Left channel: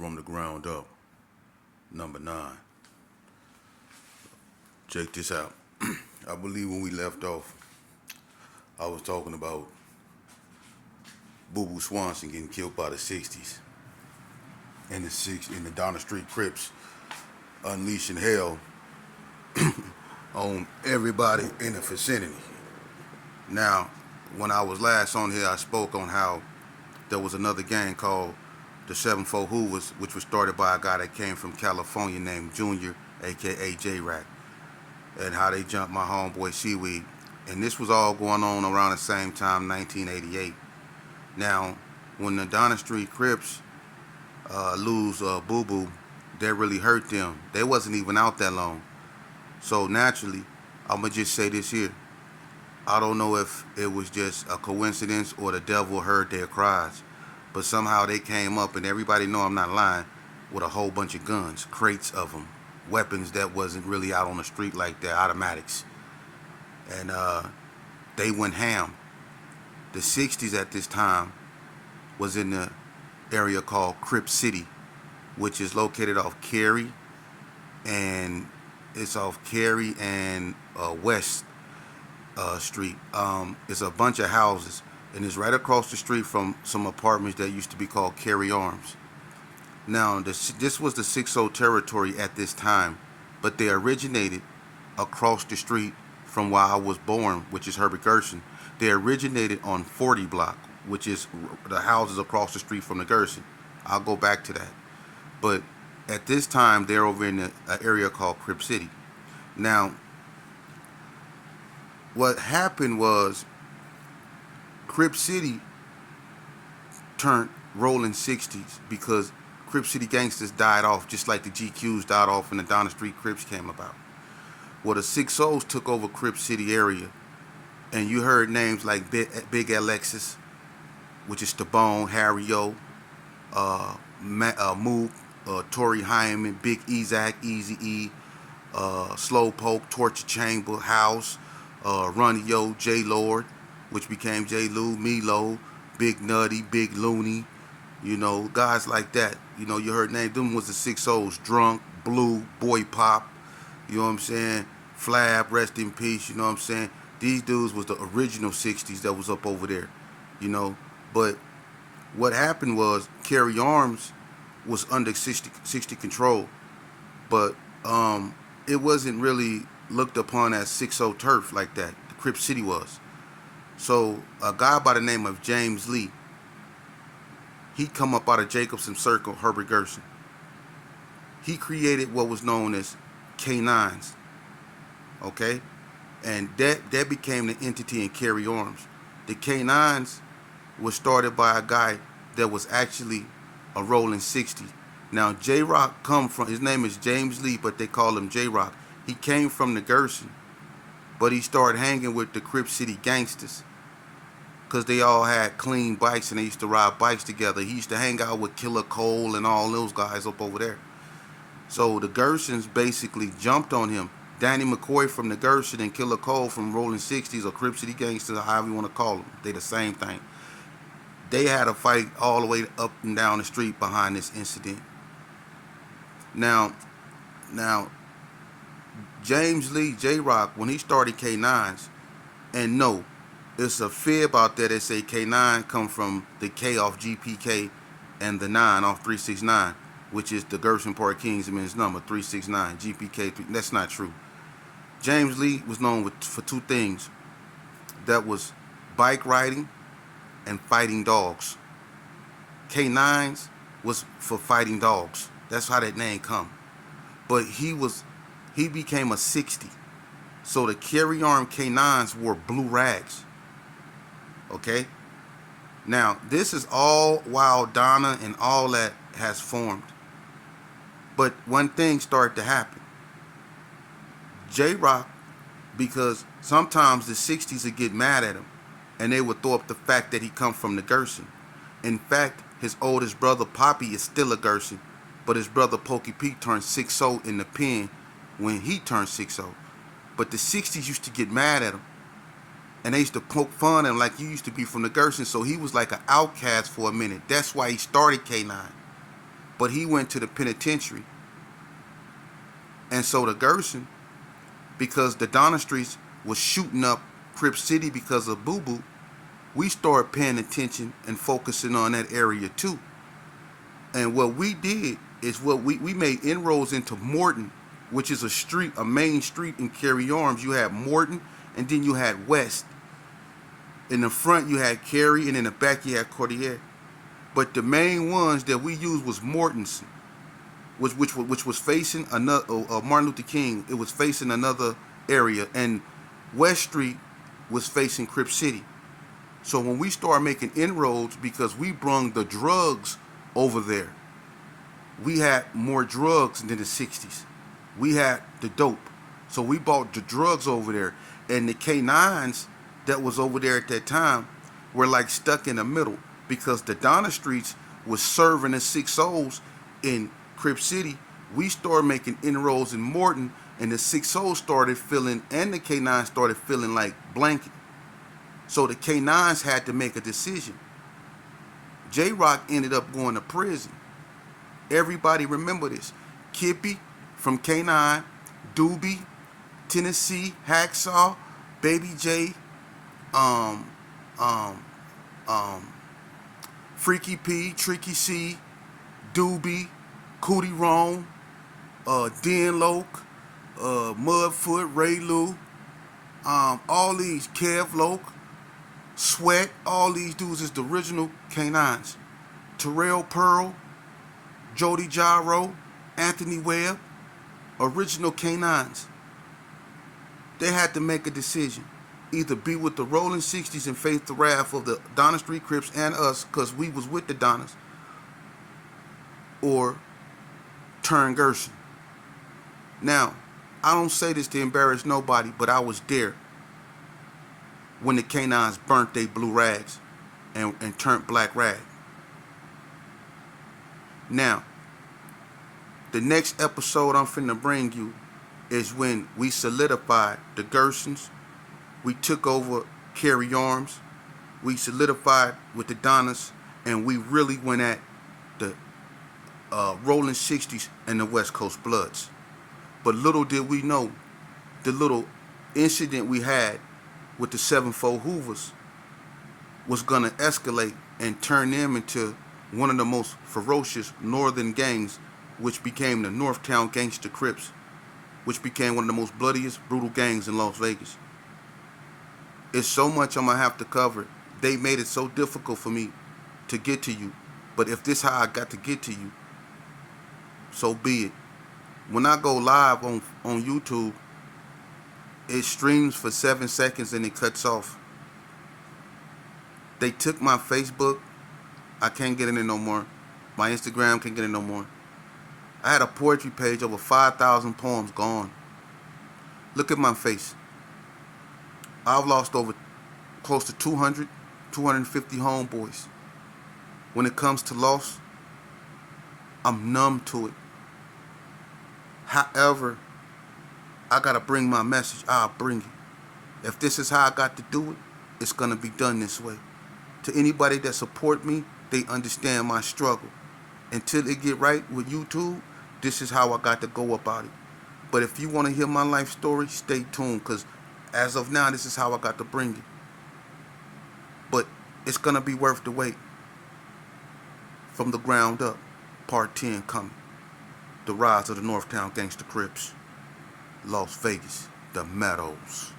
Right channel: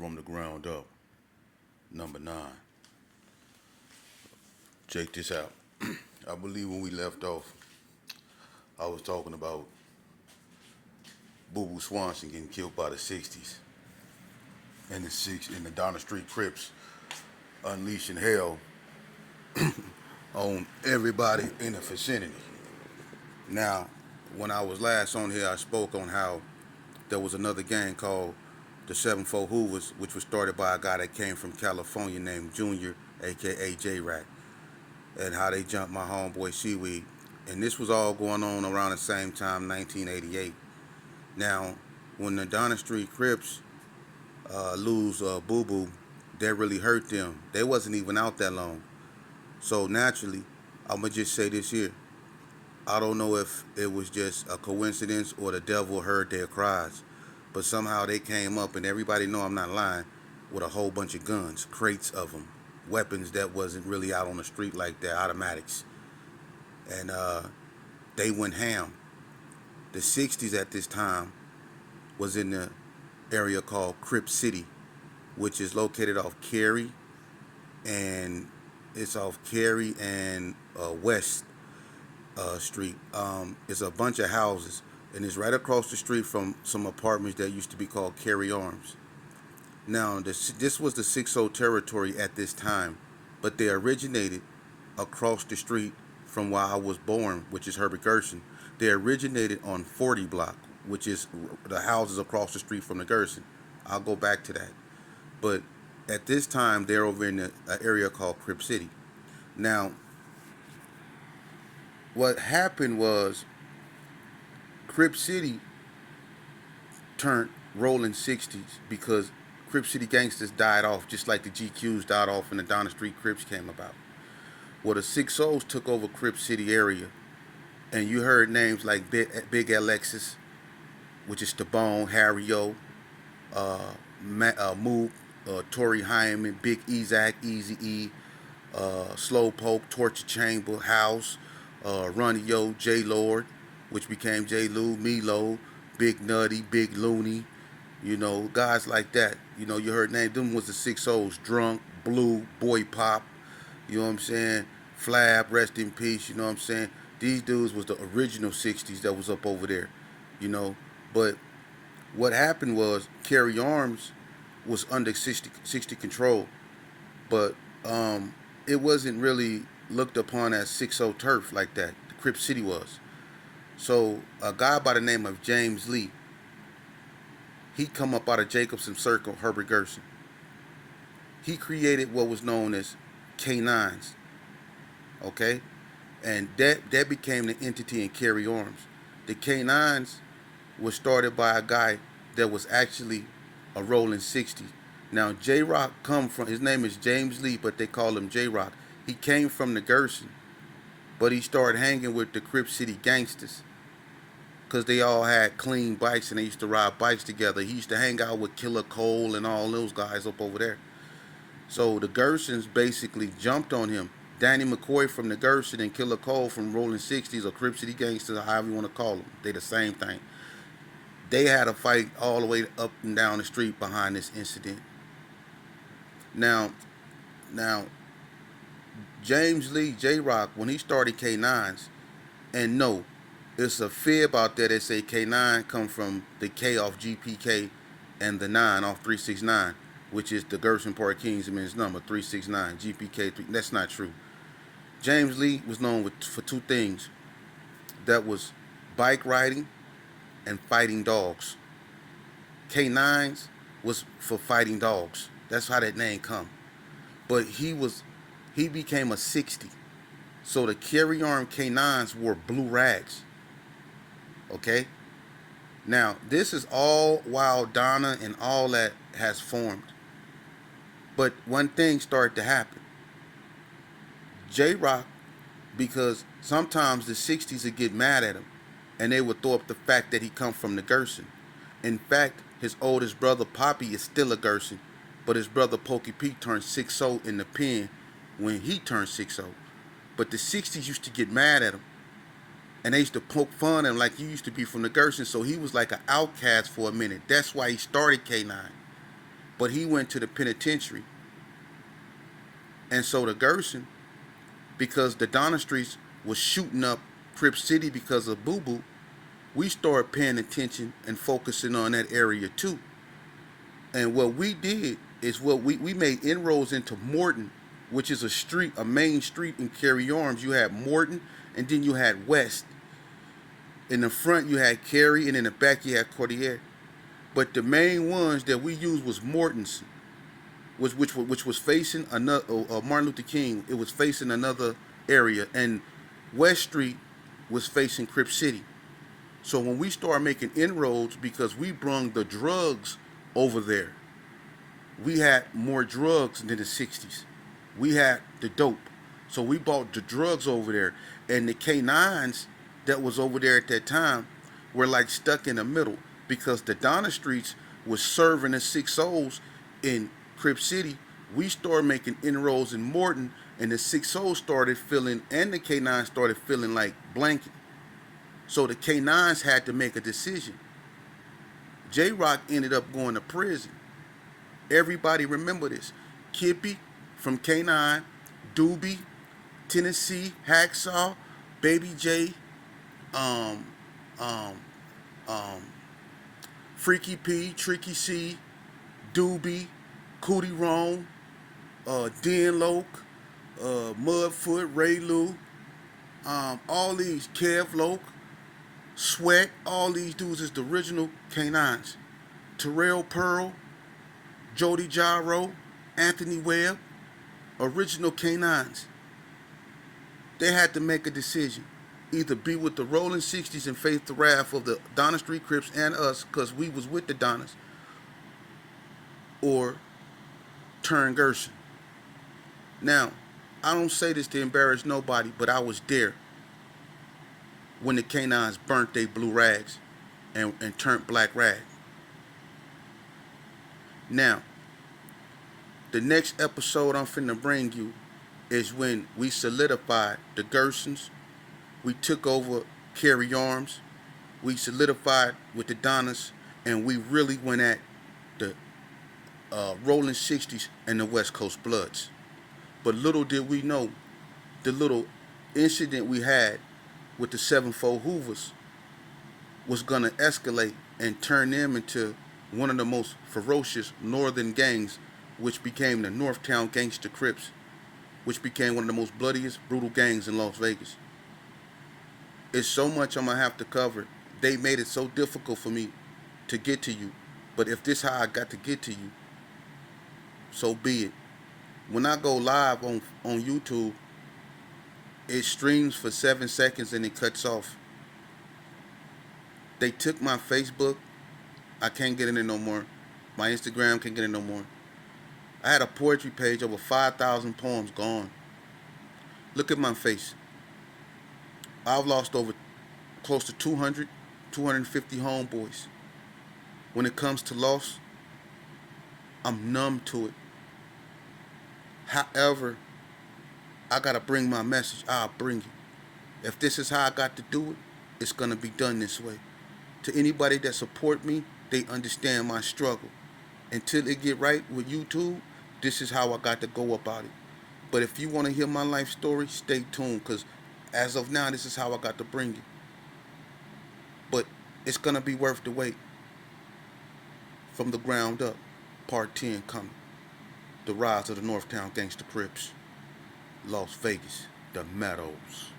From the Ground Up, number 9. Check this out. I believe when we left off, I was talking about Boo Boo Swanson getting killed by the 60s. In the Donner Street Crips unleashing hell on everybody in the vicinity. Now, when I was last on here, I spoke on how there was another gang called the 7-4 Hoovers, which was started by a guy that came from California named Junior, aka J-Rack, and how they jumped my homeboy Seaweed. And this was all going on around the same time, 1988. Now, when the Donner Street Crips lose Boo Boo, that really hurt them. They wasn't even out that long. So naturally, I'm going to just say this here. I don't know if it was just a coincidence or the devil heard their cries, but somehow they came up, and everybody know I'm not lying, with a whole bunch of guns, crates of them, weapons that wasn't really out on the street like that, automatics. And they went ham. The 60s at this time was in the area called Crip City, which is located off Cary, and it's off Cary and West Street. It's a bunch of houses, and it's right across the street from some apartments that used to be called Cary Arms. Now, this was the 6-0 territory at this time, but they originated across the street from where I was born, which is Herbert Gerson. They originated on 40 block, which is the houses across the street from the Gerson. I'll go back to that. But at this time, they're over in an area called Crip City. Now, what happened was Crip City turned rolling 60s because Crip City gangsters died off just like the GQs died off when the Donner Street Crips came about. Well, the 6-0s took over Crip City area, and you heard names like Big Alexis, which is Stabone, Harry O, Mook, Tory Hyman, Big Ezak, Easy E, Slowpoke, Torture Chamber, House, Ronnie Yo, J Lord, which became J Lou, Milo, Big Nutty, Big Looney, guys like that. You heard names. Them was the 6-0s, Drunk, Blue, Boy Pop, you know what I'm saying? Flab, rest in peace, you know what I'm saying? These dudes was the original 60s that was up over there, But what happened was Cary Arms was under 60 control, but it wasn't really looked upon as 6-0 turf like that. The Crip City was. So a guy by the name of James Lee, he come up out of Jacobson Circle, Herbert Gerson. He created what was known as K9s, okay? And that became the entity in Cary Arms. The K9s was started by a guy that was actually a rolling 60. Now, J-Rock his name is James Lee, but they call him J-Rock. He came from the Gerson, but he started hanging with the Crip City gangsters because they all had clean bikes and they used to ride bikes together. He used to hang out with Killer Cole and all those guys up over there. So the Gersons basically jumped on him. Danny McCoy from the Gerson and Killer Cole from Rolling 60s or Crip City Gangsters, or however you want to call them. They the same thing. They had a fight all the way up and down the street behind this incident. Now, James Lee, J-Rock, when he started K9s, and no, it's a fib out there that say K9 come from the K off GPK and the 9 off 369, which is the Gerson Park Kingsman's number, 369, GPK. That's not true. James Lee was known for two things. That was bike riding and fighting dogs. K9s was for fighting dogs. That's how that name come. But he became a 60. So the Cary Arm K9s wore blue rags. Okay? Now, this is all while Donna and all that has formed. But one thing started to happen. J-Rock, because sometimes the 60s would get mad at him, and they would throw up the fact that he come from the Gerson. In fact, his oldest brother, Poppy, is still a Gerson, but his brother, Pokey Pete, turned 6-0 in the pen when he turned 6-0. But the 60s used to get mad at him, and they used to poke fun at him like you used to be from the Gerson, so he was like an outcast for a minute. That's why he started K9. but he went to the penitentiary. And so the Gerson, because the Donna Streets was shooting up Crip City because of Boo Boo, we started paying attention and focusing on that area too. And what we did is we made inroads into Morton, which is a main street in Cary Arms. You had Morton, and then you had West. In the front you had Cary, and in the back you had Cordier. But the main ones that we used was Morton's, which was facing another Martin Luther King. It was facing another area, and West Street was facing Crip City. So when we started making inroads, because we brung the drugs over there, we had more drugs than the 60s. We had the dope. So we bought the drugs over there. And the K9s that was over there at that time were like stuck in the middle, because the Donna Streets was serving the 6-0s in Crip City. We started making inroads in Morton, and the 6-0s started feeling, and the K9s started feeling like blanket. So the K9s had to make a decision. J-Rock ended up going to prison. Everybody remember this. Kippy from K9, Doobie, Tennessee, Hacksaw, Baby J, Freaky P, Tricky C, Doobie, Cootie Rome, Den Loke, Mudfoot, Ray Lou, all these, Kev Loke, Sweat, all these dudes is the original K9s. Terrell Pearl, Jody Gyro, Anthony Webb, original K9s. They had to make a decision. Either be with the Rolling 60s and face the wrath of the Donna Street Crips and us, because we was with the Donnas, or turn Gerson. Now, I don't say this to embarrass nobody, but I was there when the K9s burnt they blue rags and turned black rag. Now, the next episode I'm finna bring you is when we solidified the Gersons. We took over Cary Arms. We solidified with the Donnas, and we really went at the Rolling 60s and the West Coast Bloods. But little did we know, the little incident we had with the 7-4 Hoovers was going to escalate and turn them into one of the most ferocious northern gangs, which became the Northtown Gangsta Crips, which became one of the most bloodiest, brutal gangs in Las Vegas. It's so much I'm going to have to cover. They made it so difficult for me to get to you. But if this is how I got to get to you, so be it. When I go live on YouTube, it streams for 7 seconds and it cuts off. They took my Facebook. I can't get in it no more. My Instagram can't get in no more. I had a poetry page, over 5,000 poems gone. Look at my face. I've lost over close to 200, 250 homeboys. When it comes to loss, I'm numb to it. However, I gotta bring my message. I'll bring it. If this is how I got to do it, it's gonna be done this way. To anybody that support me, they understand my struggle. Until it get right with YouTube, this is how I got to go about it. But if you want to hear my life story, stay tuned, because as of now, this is how I got to bring it. But it's gonna be worth the wait. From the ground up, part 10 coming. The rise of the Northtown Gangsta Crips. Las Vegas, the Meadows.